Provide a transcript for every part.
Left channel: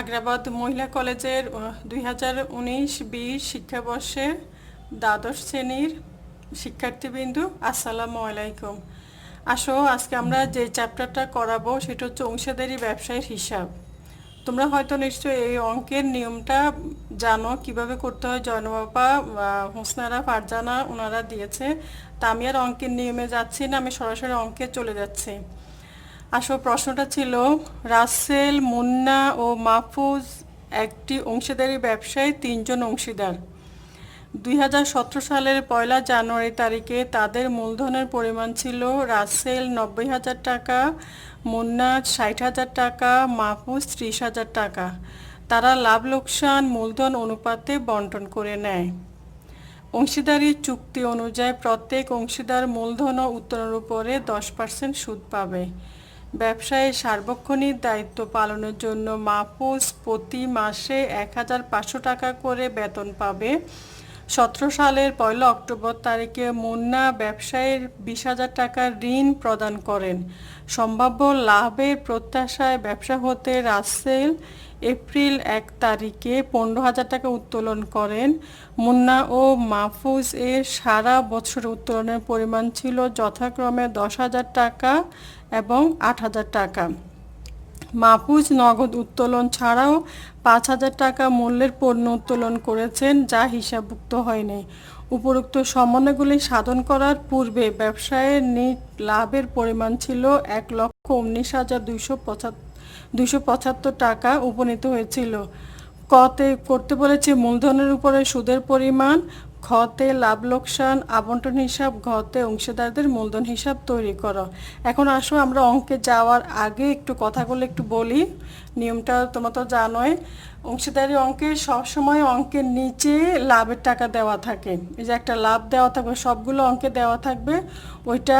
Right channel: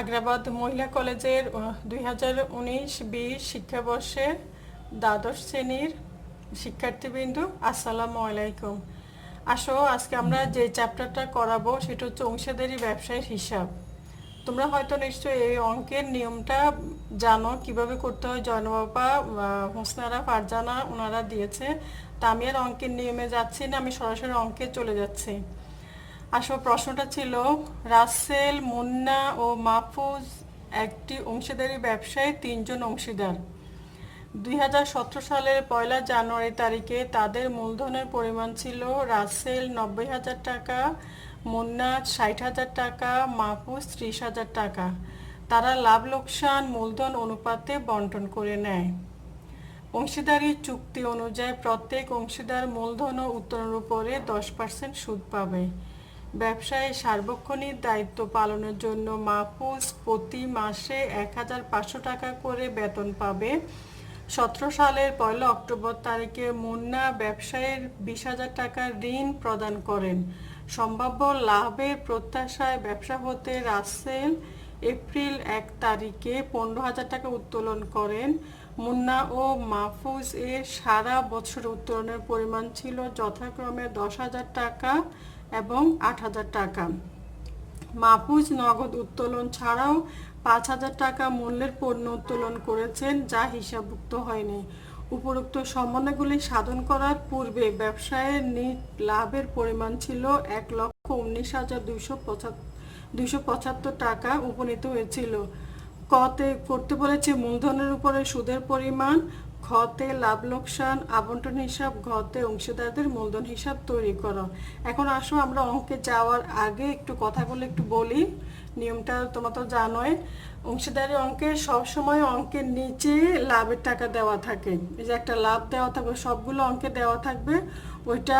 আগ্রাবাদ মহিলা কলেজের 2019-20 শিক্ষাবর্ষের দ্বাদশ শ্রেণীর শিক্ষার্থীবৃন্দ, আসসালামু আলাইকুম। আজকে আমরা যে চ্যাপ্টারটা করাবো সেটা হচ্ছে অংশীদারি ব্যবসায়ের হিসাব। তোমরা হয়তো নিশ্চয়ই এই অঙ্কের নিয়মটা জানো, কিভাবে করতে হয়। জয়নবাবা, হোসনারা, ফারজানা ওনারা দিয়েছে। তা আমি আর অঙ্কের নিয়মে যাচ্ছি না, আমি সরাসরি অঙ্কে চলে যাচ্ছি। প্রশ্নটা ছিল, রাসেল, মুন্না ও মাহফুজ একটি অংশীদারি ব্যবসায় 3 জন অংশীদার। 2017 সালের 1 জানুয়ারি তারিখে তাদের মূলধনের পরিমাণ ছিল রাসেল 90,000 টাকা, মুন্না 60,000 টাকা, মাহফুজ 30,000 টাকা। তারা লাভ লোকসান মূলধন অনুপাতে বন্টন করে নেয়। অংশীদারি চুক্তি অনুযায়ী প্রত্যেক অংশীদার মূলধন ও উত্তোলনের উপরে 10% সুদ পাবে। ব্যবসায় সার্বক্ষণিক দায়িত্ব পালনের জন্য মাহফুজ প্রতি মাসে 1,500 টাকা করে বেতন পাবে। 17 সালের 1 অক্টোবর তারিখে মুন্না ব্যবসায়ের 20,000 টাকার ঋণ প্রদান করেন। সম্ভাব্য লাভের প্রত্যাশায় ব্যবসা হতে রাসেল এপ্রিল 1 তারিখে 15,000 টাকা উত্তোলন করেন। মুন্না ও মাহফুজ এর সারা বছর উত্তোলনের পরিমাণ ছিল যথাক্রমে 10,000 টাকা এবং 8,000 টাকা। মাহফুজ নগদ উত্তোলন ছাড়াও 5,000 টাকা মূল্যের পণ্য উত্তোলন করেছেন, যা হিসাবভুক্ত হয়নি। উপরোক্ত সমন্বয়গুলি সাধন করার পূর্বে ব্যবসায়ের নিট লাভের পরিমাণ ছিল 1,19,275 টাকা উপনীত হয়েছিল। কতে করতে বলেছে মূলধনের উপরে সুদের পরিমাণ, খতে লাভ লোকসান আবন্টন হিসাব, ঘতে অংশীদারদের মূলধন হিসাব তৈরি করো। এখন আসো আমরা অঙ্কে যাওয়ার আগে একটু কথাগুলো একটু বলি। নিয়মটা তোমরা তো জানোই, অংশীদারি অঙ্কে সবসময় অঙ্কের নিচে লাভের টাকা দেওয়া থাকে। এই যে একটা লাভ দেওয়া থাকবে, সবগুলো অঙ্কে দেওয়া থাকবে, ওইটা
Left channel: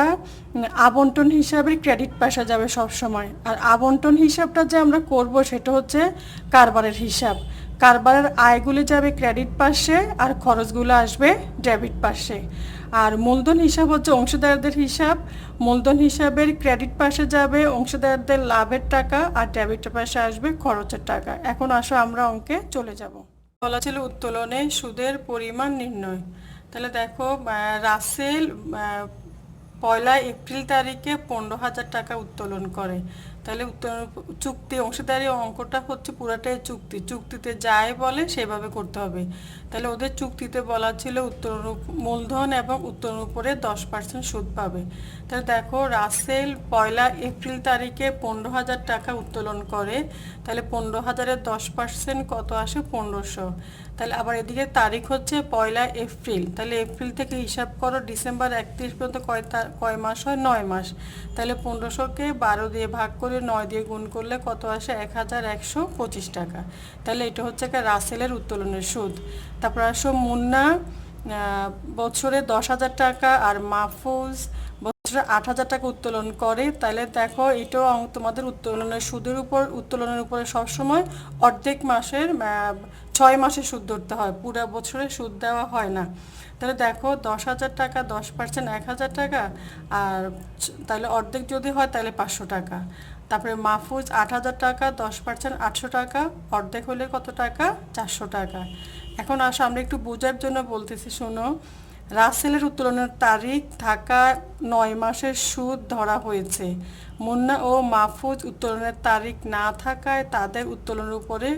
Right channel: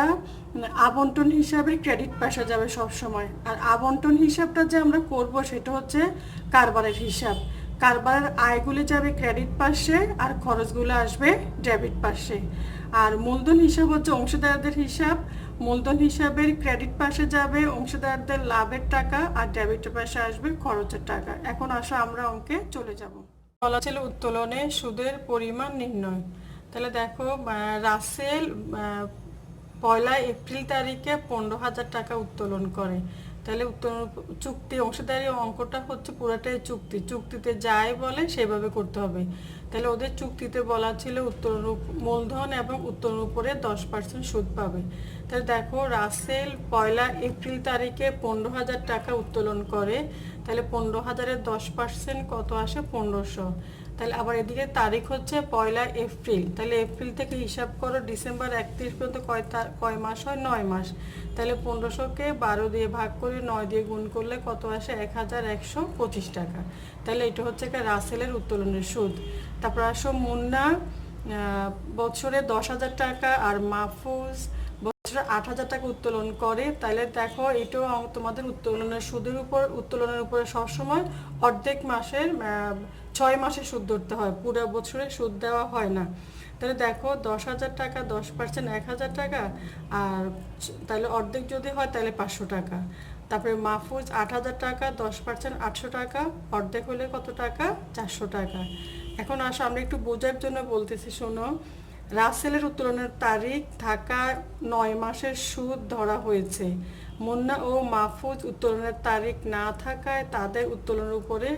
আবন্টন হিসাবে ক্রেডিট পাশে যাবে সবসময়। আর আবন্টন হিসাবটা যে আমরা করব সেটা হচ্ছে কারবারের হিসাব। কারবারের আয়গুলো যাবে ক্রেডিট পাশে আর খরচগুলো আসবে ডেবিট পাশে। আর মূলধন হিসাব হচ্ছে অংশীদারদের হিসাব। মূলধন হিসাবের ক্রেডিট পাশে যাবে অংশীদারদের লাভের টাকা আর ডেবিট পাশে আসবে খরচের টাকা। এখন আসো আমরা অঙ্কে চলে যাব। বলা ছিল উত্তোলনে সুদের পরিমাণ নির্ণয়। তাহলে দেখো, রাসেল 1 এপ্রিল তারিখে 15,000 টাকা উত্তোলন করে। তাহলে চুক্তি অংশীদারি অঙ্কটা হচ্ছে পুরাটাই চুক্তি। চুক্তিতে যাই বলে সেভাবে করতে হবে। তাহলে ওদের চুক্তিতে বলা ছিল উত্তোলন মূলধন এবং উত্তোলনের উপরে 10% সুদ পাবে। তাহলে দেখো, রাসেল 1 এপ্রিল তারিখে 15,000 টাকা উত্তোলন করে। তাহলে 15,000-এর 10% কত আসে? 1,500। তাহলে আবার এদিকে তারিখ হচ্ছে 1 এপ্রিল। তাহলে এপ্রিল থেকে হিসাব করো ডিসেম্বর 31 পর্যন্ত কয় মাস হয়? 9 মাস। তাহলে 1500-কে 12 দিয়ে ভাগ করে 9 দিয়ে গুণ করলে কত আসে? 1,125 টাকা। তাহলে এটা হচ্ছে রাসেলের উত্তোলনের সুদ। তারপর আসো মুন্না, বছরে 10,000 টাকা আর মাহফুজ বছরে 8,000 টাকা উত্তোলন করে। তাহলে দেখো, এটাও তোমাদের উত্তোলনের সুদের উপর, উত্তোলনের উপরে সবসময় অর্ধেক মাসের 6 মাসের সুদ ধরতে হয়, পুরো বছরে সুদ দেওয়া হয় না। তাহলে দেখো, 10,000 টাকা 10% 1,000 টাকা, আর তাহলে অর্ধেক যদি হয় তাহলে 500 টাকা। তারপরে মাহফুজ 8,000 টাকা 10% 800 টাকা, অর্ধেক হলে কত টাকা? 400 টাকা। এখন আসো আমরা একটু বোঝার জন্য বলতেছি, শোনো। রাসেলের উত্তোলনের তারিখ থাকা 9 মাসের সুদ ধরা হয়েছে। মুন্না ও মাহফুজ উত্তোলনের তারিখ না থাকায় তাদের উত্তোলনের উপরে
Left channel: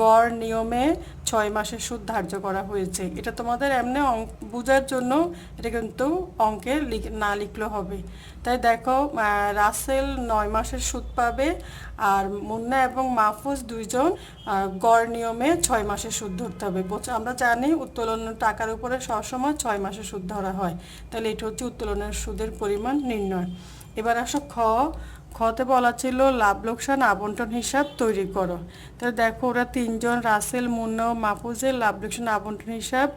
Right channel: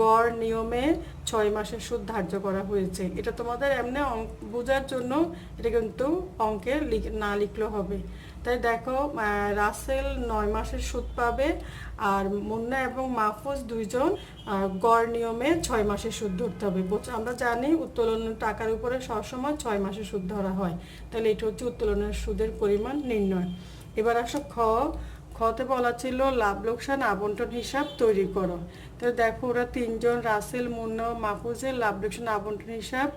গড় নিয়মে 6 মাসের সুদ ধার্য করা হয়েছে। এটা তোমাদের এমনি বোঝার জন্য, এটা কিন্তু অঙ্কে না লিখলেও হবে। তাই দেখো, রাসেল 9 মাসের সুদ পাবে আর মুন্না এবং মাহফুজ দুইজন গড় নিয়মে 6 মাসের সুদ ধরতে হবে। আমরা জানি উত্তোলনের টাকার উপরে সবসময় 6 মাসের সুদ ধরা হয়। তাহলে এটা হচ্ছে উত্তোলনের সুদের পরিমাণ নির্ণয়। এবার আসো খতে বলা ছিল লাভ লোকসান আবন্টন হিসাব তৈরি করো। তাহলে দেখো, ওরা 3 জন, রাসেল, মুন্না ও মাহফুজের লাভ লোকসান আবন্টন হিসাব।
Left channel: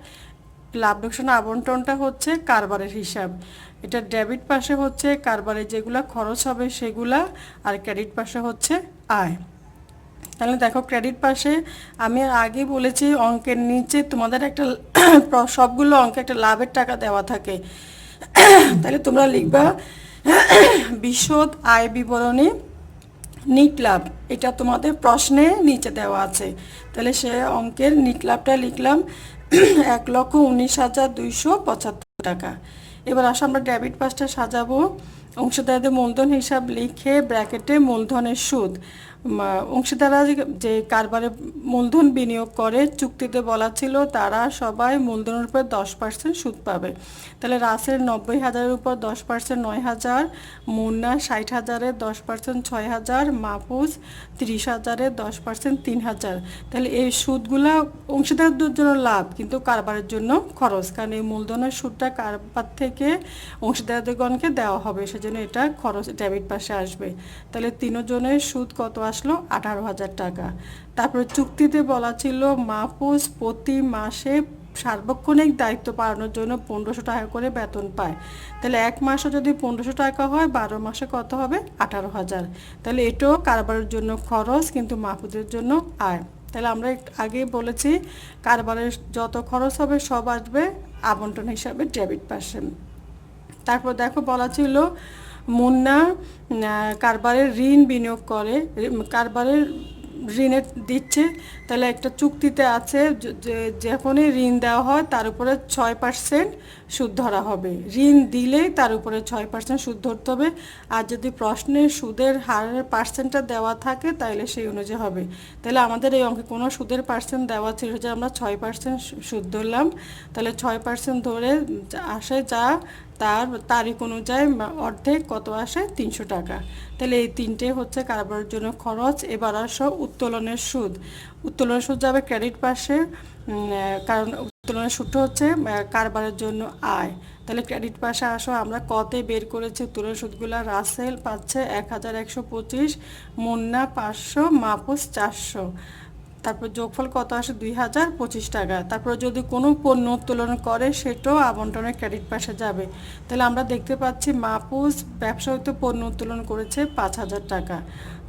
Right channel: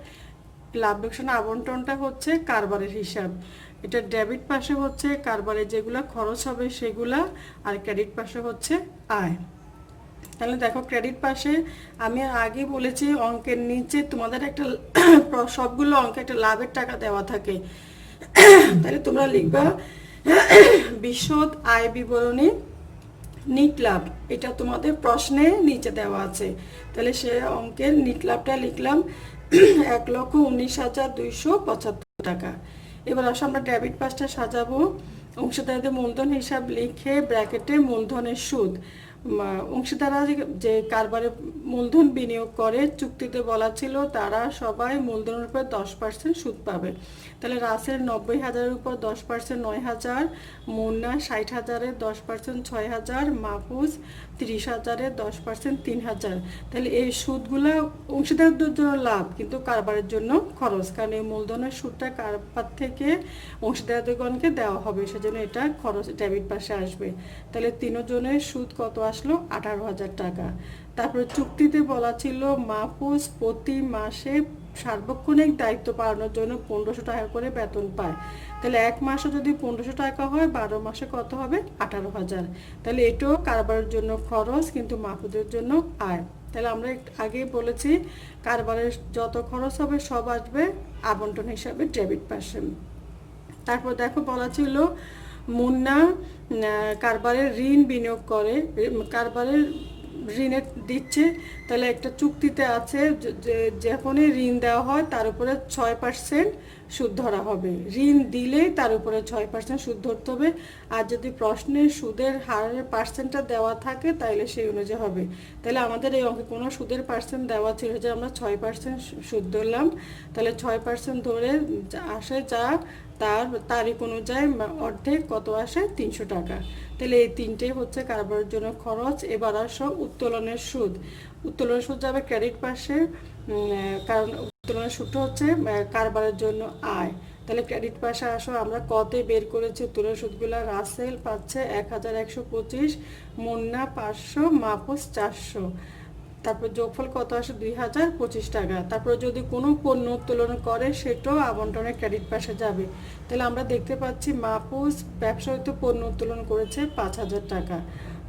লাভ লোকসান আবন্টনটা হচ্ছে কারবারের হিসাব। এটা ডেবিট পাশে হচ্ছে কারবারে যেগুলা খরচ হবে সেগুলা, আর ক্রেডিট পাশে হচ্ছে আয়। তাহলে দেখো, ক্রেডিট পাশে আমি আগে বলেছি অঙ্কের নিচে তোমাদের একটা সবগুলো অঙ্কে একটা লাভের টাকা দেওয়া থাকে। তাহলে তোমরা লিখবা বিশদ আয় বিবরণী নিট লাভ, এটা তোমাদের প্রশ্নে নিচে দেওয়া আছে। তাহলে সে অঙ্কের নিট লাভটা লিখলাম 1,19,275 টাকা। এবার আসো আমরা ডেবিট পাশটা সাজাবো। অংশীদারদের মূলধন হিসাব লিখে ব্র্যাকেটে মূলধনের সুদ। অংশীদাররা যে কারবারে মূলধন বিনিয়োগ করে চুক্তিতে বলা ছিল তারা সবাই মূলধনের উপর 10% সুদ পাবে। তাহলে রাসেল 90,000-এর উপর 10% 9,000, মুন্না 60,000-এর 10% 6,000, মাহফুজ 30,000-এর 10% 3,000। তাহলে এই সুদগুলো অংশীদারদের জন্য লাভ কিন্তু কারবারের জন্য খরচ, কারণ এই মূলধনের সুদটা কারবার থেকে অংশীদারদেরগণকে দেওয়া হবে, সেজন্য এটা খরচ ডেবিট পাশে আসবে। তাহলে তিনজনের সুদ কত আসলো? 18,000 টাকা। তারপরে চুক্তিতে বলা ছিল মাহফুজ প্রতি মাসে সার্বক্ষণিক দায়িত্ব পালনের জন্য 1500 টাকা করে বেতন পায়। তাহলে এক মাসে যদি 1500 টাকা হয় 12 মাসে কত হবে? 18,000। তাহলে এটাও কারবারের জন্য খরচ কিন্তু মাহফুজের জন্য আয়। তাহলে আমরা আগে বলেছি কারবারের যত খরচ হবে সব আসবে আবন্টন হিসাবে ডেবিট পাশে। তারপর দেখো বলা ছিল মুন্না কারবারের ঋণ বিনিয়োগ করে, কারবারের ঋণে দিচ্ছে। তাহলে একটা চুক্তিতে আছে যখনই ঋণ দেওয়া হয় তার উপরে 6% সুদ ধরা হবে। ঋণ দিলেই তার উপরে 6% সুদ ধরতে হবে। আর যদি প্রশ্নে সুদের হারের পার্সেন্টটা দেওয়া থাকে তাহলে সেই অনুযায়ী হবে। তাহলে আমাদের এই অঙ্কে কোনো সুদের পার্সেন্ট দেওয়া ছিল যে আমরা 6% সুদ ধরলাম। তাহলে 6% ধরে আসে যা তার তারিখ অনুযায়ী অর্ধেক কত আসে? 300 টাকা। তাহলে এই তিনটে হচ্ছে কারবারের জন্য খরচ। এবার আসো উত্তোলনের সুদ। উত্তোলনের সুদ যাবে ক্রেডিট পাশে, কারণ উত্তোলনের সুদটা হচ্ছে কারবারের জন্য আয়। তাহলে ক্রেডিট পাশে আসো, আমরা কতে বের করেছি উত্তোলনের সুদগুলা। রাসেল পাচ্ছে 1,125, মুন্না 500, মাহফুজ 400। তারপর যোগফল কত আসে? 2,025 টাকা। তারপর যদি কোনো পণ্য উত্তোলন করে সেটাও আবন্টনের ক্রেডিট পাশে যাবে। তাহলে আমরা দেখতে পাচ্ছি মাহফুজ ব্যবসা হতে পণ্য উত্তোলন করেছে 5,000 টাকা।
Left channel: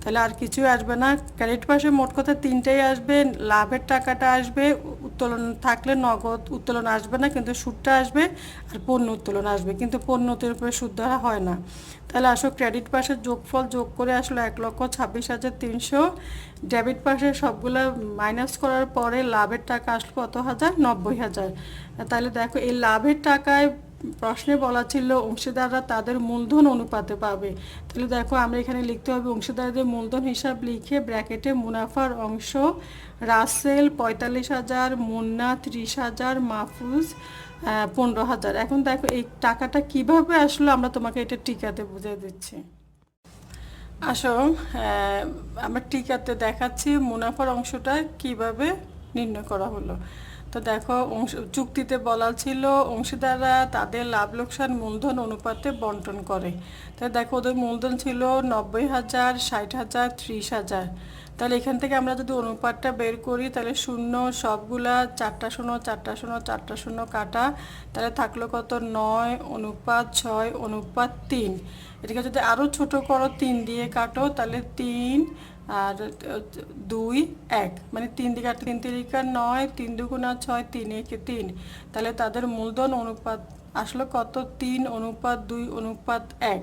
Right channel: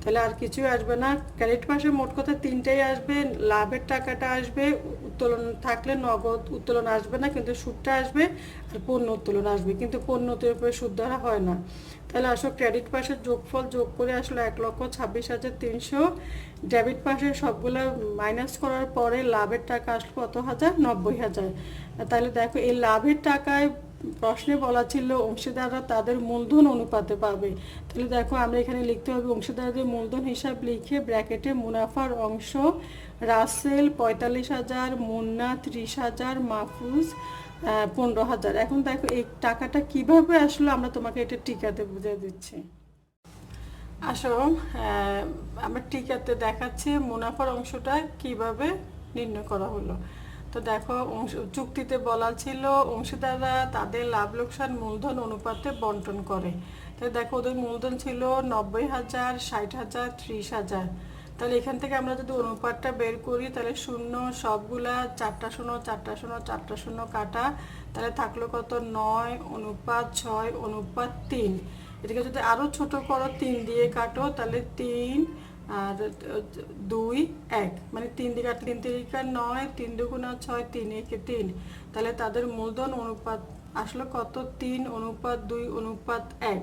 তাহলে আর কিছুই আসবে না। ক্রেডিট পাশে মোট কথা তিনটেই আসবে। লাভের টাকাটা আসবে, উত্তোলন থাকলে নগদ উত্তোলন আসবে না কিন্তু সুদটা আসবে, আর পণ্য উত্তোলন আসবে কিন্তু পণ্য উত্তোলনের উপরে সুদ ধরা হয় না। তাহলে আসো ক্রেডিট পাশে যোগফল যোগ করে আসলো 1,26,300। ডেবিট পাশে সবগুলো মাইনাস করার পরে লাভের টাকা আসলো কত হাজার? 90,000। তাহলে দেখো এই লাভের টাকায় প্রশ্নে বলা ছিল অংশীদাররা তাদের মূলধন অনুপাতে পাবে। তাহলে দেখো আমরা এখানে লিখতে হবে অংশীদারদের মূলধন হিসাব লিখে ব্র্যাকেটে মুনাফার অংশ রাসেল 45,000, মুন্না 30,000, মাহফুজ 15,000। এখন দেখো এই টাকাটা কিভাবে আসলো আমরা তোমাকে এটা টিকাতে বুঝিয়ে দিচ্ছি। আসো আমরা টিকাতে দেখাচ্ছি মুনাফার অংশটা কিভাবে নির্ণয় করা হলো। তো দেখো চুক্তিতে বলা ছিল অংশীদাররা তাদের লাভ লোকসান মূলধন অনুপাতে বন্টন করে। তাহলে দেখো ওদের মূলধন ছিল 90,000, 60,000, 30,000। তাহলে এখান থেকে আমরা যদি অনুপাতটা বের করি তাহলে শূন্য সবগুলা 4টা শূন্য 4টা শূন্য 4টা শূন্য কাটা, তাহলে থাকলো কত? 9:6:3। এটাকে যদি আরও ছোট করো 3 দিয়ে কাটো তাহলে 3 আর 2 1, মানে 3 দিয়ে কাটলে 3 তিরিকা 9, 3 দুগুণা 6, 3 একে 3। তাহলে তাদের মূলধন অনুপাত আসলো কত? 3:2:1।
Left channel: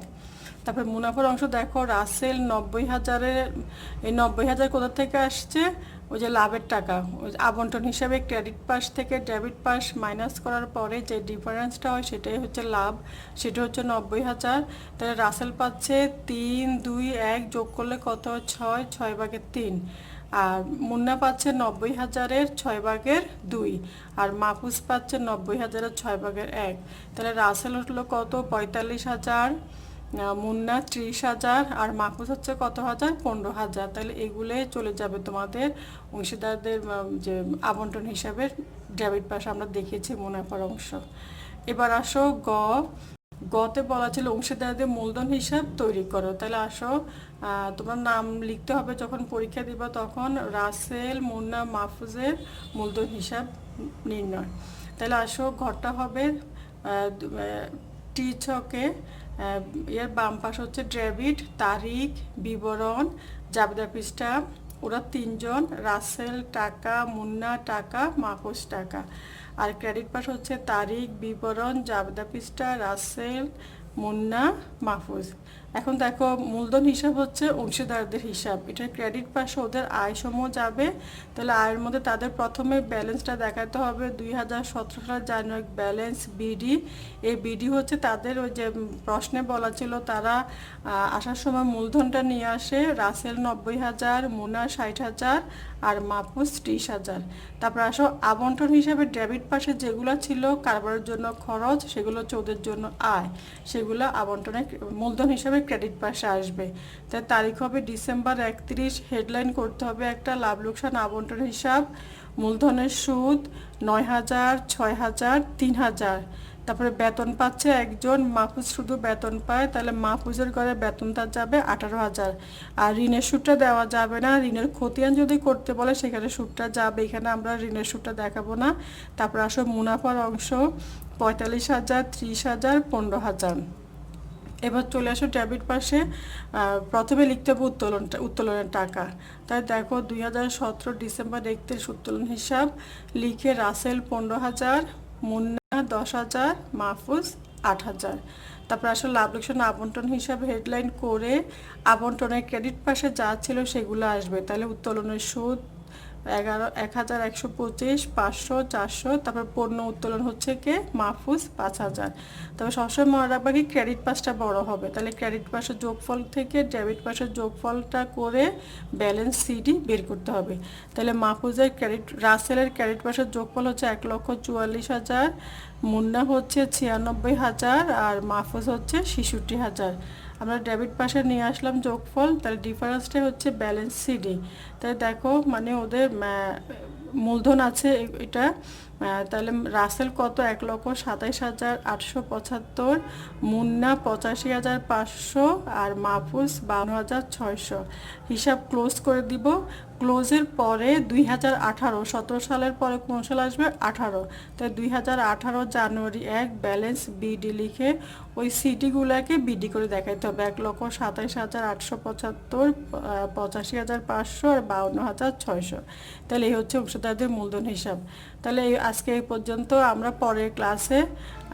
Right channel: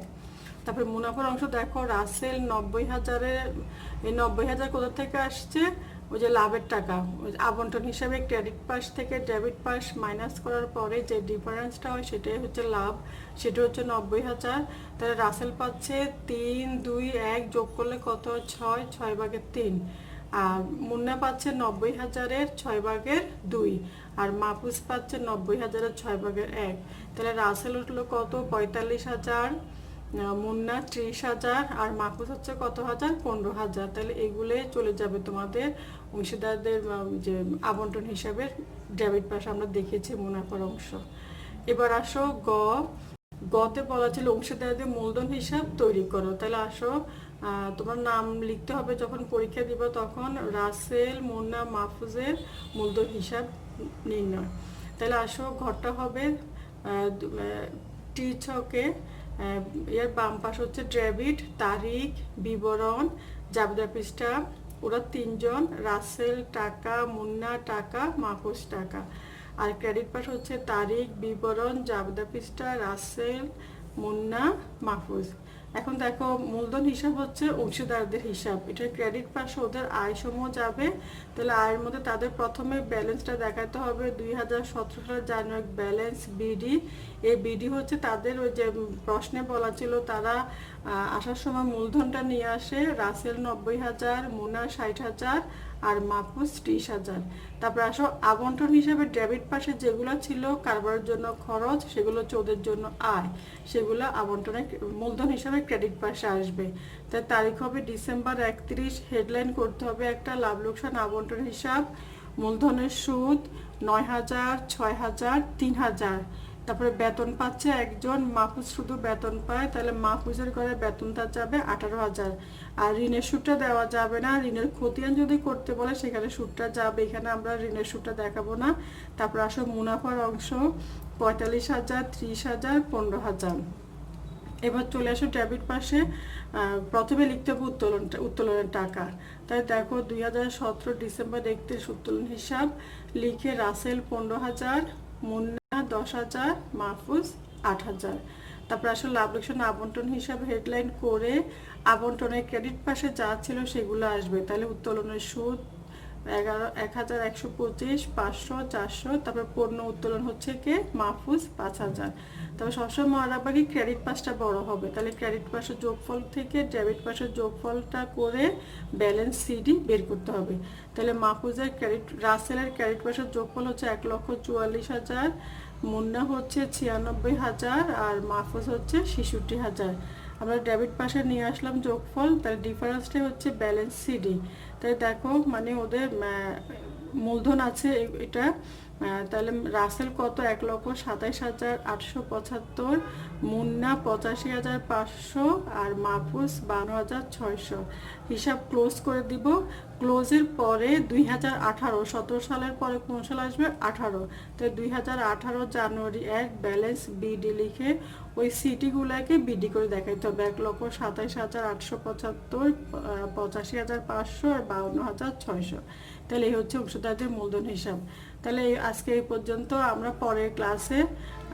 তারপরে মুনাফার অংশ দেখো রাসেল 90,000-এর, এই 90,000 কোথা থেকে আসছে? ওই যে লাভের টাকা, ওই আবন্টন হিসাবে ক্রেডিট পাশ থেকে ডেবিট পাশ মাইনাস করার পরে যে ডিফারেন্সটা হয় সেটাই হচ্ছে লাভ, সেটা হচ্ছে 90,000। তাহলে রাসেল পাচ্ছে 3:2:1 যোগ করলে কত? 6, 6/3। আর মুন্না পাচ্ছে 90,000-এর 6/2, আর মাহফুজ পাচ্ছে 90,000-এর 6/1। তাহলে রাসেল হলো কত? 45,000, মুন্না 30,000, আর মাহফুজ হচ্ছে কত হাজার? 15,000। তাহলে এগুলো চলে যাবে তোমাদের অংশীদারদের যে আবন্টন হিসাবে ডেবিট পাশে আমরা দেখেছি মুনাফার অংশ। এবার আসো গতে বলা ছিল অংশীদারদের মূলধন হিসাব তৈরি করো। তাহলে আসো তোমার নাম লিখতে হবে যখন পরীক্ষা দিব তখন রাসেল, মুন্না, মাহফুজের মূলধন হিসাব নির্ণয়। তাহলে আসো ঘরটা হবে টি ছকে, এর বাম পাশ হচ্ছে ডেবিট, তারিখ, বিবরণ, জাবেদা পৃষ্ঠা। ওরা তিনজন, রাসেল টাকা, মুন্না টাকা, মাহফুজ টাকা। আর ক্রেডিট পাশ হচ্ছে তারিখ, বিবরণ, জাবেদা পৃষ্ঠা, রাসেল, মুন্না, মাহফুজ। এখন দেখো মূলধন হিসাব হচ্ছে অংশীদারদের হিসাব, এটার ক্রেডিট পাশে ওদের আয় সমূহ যাবে। তাহলে আয়ের মধ্যে তাদের প্রথমে ব্যালেন্সটা দেখাতে হবে 2017 সালের জানুয়ারি ব্যালেন্স বিডি। এই বিডি হচ্ছে তাদের ওই যে প্রশ্নে বলা ছিল তারা আসার সময় মূলধনটা নিয়ে আসে, রাসেল 90,000, মুনা 60,000 আর মাহফুজ 30,000। তারপর আসো আবন্টন হিসাবে ডেবিট পাশে যেগুলো ছিল কারবারের জন্য খরচ, সেগুলো হচ্ছে ওদের জন্য আয়, সেগুলো আবন্টনের মূলধন হিসাবে ক্রেডিট পাশে আসবে। তাই তারিখ হবে ডিসেম্বর 31। হেডলাইন করতে হবে একটা লাভ লোকসান আবন্টন হিসাব, মূলধনের সুদ 9,000, 6,000, 3,000। তারপরে বেতন পাচ্ছে একজন, মাহফুজ শুধু বেতন পায়, তাহলে মাহফুজের ঘরে বেতনটা যাবে 18,000। আর ঋণের সুদটা দেওয়া যাবে না, ঋণের খতিয়ান যদি করতে বলে সেখানে সুদটা যাবে, এখানে আমরা ঋণের সুদটা দেখাবো না। তারপরে আসো মুনাফার অংশ 45,000, 30,000, 15,000। এবার চলে আসো ডেবিট পাশে, প্রথমে লিখতে হবে উত্তোলনের টাকা। তাই দেখো 2017 ডিসেম্বর 31 উত্তোলন হিসাব লিখে রাসেল 15,000, মুন্না 10,000, মাহফুজ 8,000। তারপর আসলে লাভ লোকসান আবন্টন হিসাব হেডলাইন করে আবন্টনের ক্রেডিট পাশে যা ছিল সেগুলো আসবে। তাহলে উত্তোলনের সুদ 1,125, 500, 400। তারপর পণ্য উত্তোলন হচ্ছে কে, মাহফুজ 5,000। তবে সবসময় মনে রাখবা কি ক্রেডিট পাশটা বড় হবে, তাহলে ক্রেডিট পাশের যোগফল থেকে ডেবিট পাশের যোগফলটা করে ব্যালেন্স সিডি বের করতে হবে। তাহলে মাহফুজের রাসেলের ক্রেডিট পাশের যোগফল হচ্ছে 1,44,000, মুন্না হচ্ছে 96,000 আর মাহফুজ হচ্ছে 66,000। আমরা ডেবিট পাশে নিয়ে আসলাম যোগফল, তাহলে ডিফারেন্সটা হচ্ছে ব্যালেন্স সিডি। তাহলে দেখো মানে ওদের মূলধন আছে এটা, তাহলে রাসেল কত 1,27,875, মুন্না 85,500 আর মাহফুজ 52,600। হিসাব ক্লোজ করে দিব। ক্লোজের পরে 2018, 17 সালের পরে কোন সাল আসবে, 18। তাই 2018 জানুয়ারি 1 ব্যালেন্স বিডি লিখে ওই সিটিগুলোকে বিডি করে দেখাইতে হবে, 1,27,875, 85,500 আর 52,600। তাহলে এই হচ্ছে অংশীদারদের মূলধন হিসাব। তাহলে আজকে এই পর্যন্ত, আমরা পরের ক্লাসে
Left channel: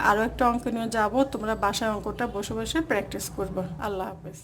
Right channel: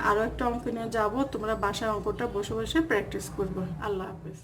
আরও একটা অঙ্ক নিয়ে যাব, তোমরা বাসায় অঙ্কটা বসে বসে প্র্যাকটিস করবে। আল্লাহ হাফেজ।